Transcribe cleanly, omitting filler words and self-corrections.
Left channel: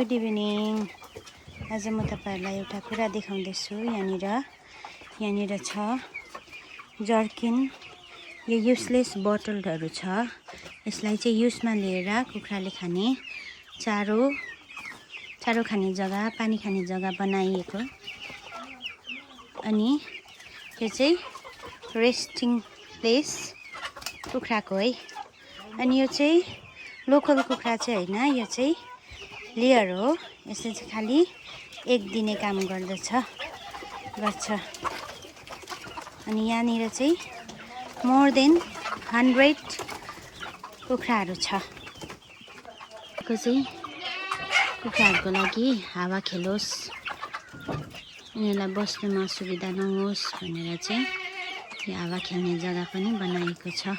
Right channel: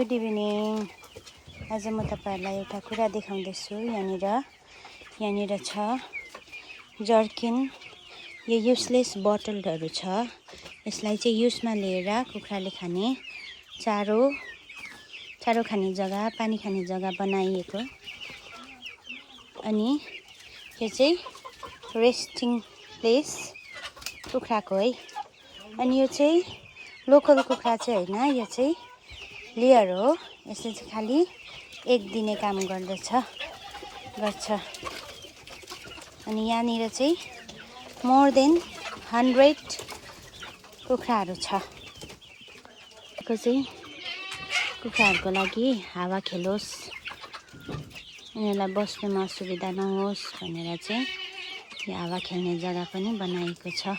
Good evening. आज म तपाईहरुलाई एउटा कुरा देखाउँदैछु। यहाँनिर छ जर्किन। यो युजलेस बोतलहरु छ। यसलाई चाहिँ युजमा लिएर कुखुराले खाने चारो खाने जग्गा, पानी खाने जग्गा बनाइएको। अनि यो चाहिँ रेस्टिङ प्लेस कुखुराको है। अनि यो चाहिँ लोकल कुखुरा चाहिँ हैन, यो चाहिँ लेयर हो। यसले चाहिँ खाली एक दिने काम गर्छ। अनि यहाँनिर चाहिँ मोर देन 100 कुखुराहरू छ। को चाहिँ कुखुराहरूको लागि हावा खेलोस्, उनीहरूलाई बस्नुमा असुविधा नहोस् भनेर चाहिँ यो हावा खेल्ने जग्गा पनि बनाएको छ।